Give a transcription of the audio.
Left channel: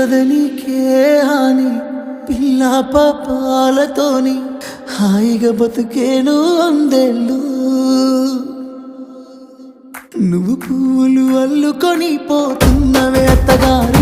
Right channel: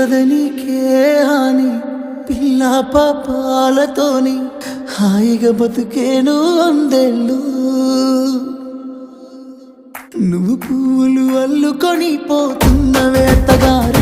ఉండదనికే హాని పిల్ల పాపాలతోని హాయిగా బతుకేను వందేళ్ళు నువ్వు పూలు అల్లుకొని పోతున్నవే అత్తగారు